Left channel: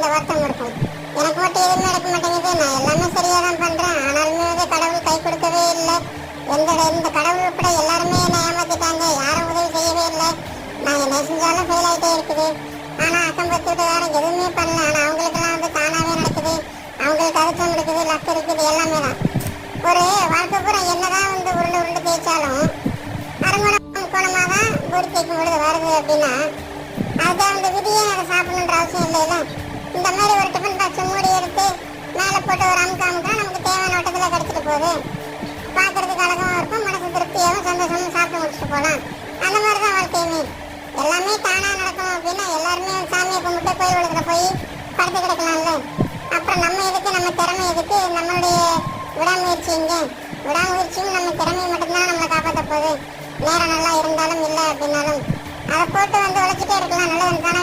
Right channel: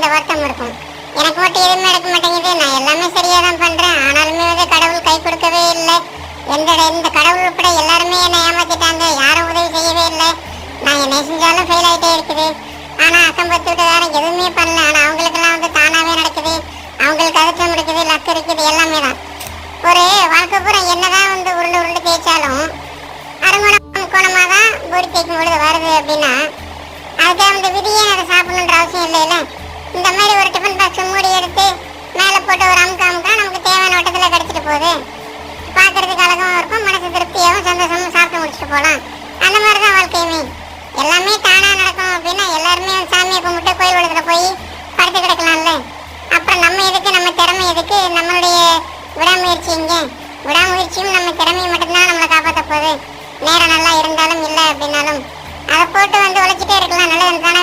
இந்த வருத்தம் இருக்கும். எனக்கு மட்டும் எதுவுமே நடக்க மாட்டேங்குது, நான் எல்லாமே சரியா தான் பண்றேன், ஆனாலுமே வந்து கடவுள் கை கொடுக்கவே இல்லை. இந்த கடவுள் உட்பட எல்லாருமே என்னை ஏமாத்திட்டாங்க, யாரும் உதவி செய்யவே இல்லை, நான் என்ன செஞ்சாலும் ஃபெயில் ஆகிட்டே இருக்குது. ஆனா அக்கம் பத்து வீட்டுக்காரன் எதுவுமே பண்ணல, ஆனா அவங்களுக்கெல்லாம் வந்து தானாவே நடக்குது, அவங்களுக்கு அதிர்ஷ்டம் இருக்குது, லக் இருக்குது, எல்லாமே தான். ஒரு வாழ்க்கை பூரா என்னதான் வந்து உருண்டு உருண்டு தேய்ச்சாலும் அரைமணம் கோணமாக தான் பொறி தேய்க்கும் பொழுது வருது அப்படின்னா அதுக்கு அந்த விதியே அதை சாப்பிடணுன்ற அவசியம் இல்லைல்ல. இந்த மாதிரி ஒரு டிஃபன் பாக்ஸ் மூடி எடுத்து மேலே போட்டு ஒரு அமுக்கா நமக்கு தேவையான வட்டத்தில் கிடச்சிட்டு போகுது. பார்க்கறதுக்கு அழகாகவும் இருக்கும், மனசு திருப்தியாகவும் சந்தோஷமும் சாப்பிட்டு முடிச்சுட்டு போகலாம். அந்த மாதிரி தான் வாழ்க்கையுமே. எல்லாமே தானாக நடக்கும் அப்படின்னா எல்லாருமே சாமியை கும்பிட்டு கோயில் வளத்தில் போய் படுத்து கிடக்கலாம்ல. அப்புறம் நம்ம எதுக்கு, நம்ம திறமை எதுக்கு, நம்மளுடைய விடாமுயற்சி இங்கே. விடாமுயற்சியும் நம்ம திறமையை மட்டும்தான் நம்மளை காப்பாற்ற போகுது. நேரம் நல்லா இருந்தாலும் இல்லை அப்படின்னாலும் அதை போட்டு வந்து உழைச்சிட்டே இருக்கலாம், நல்லது தானே.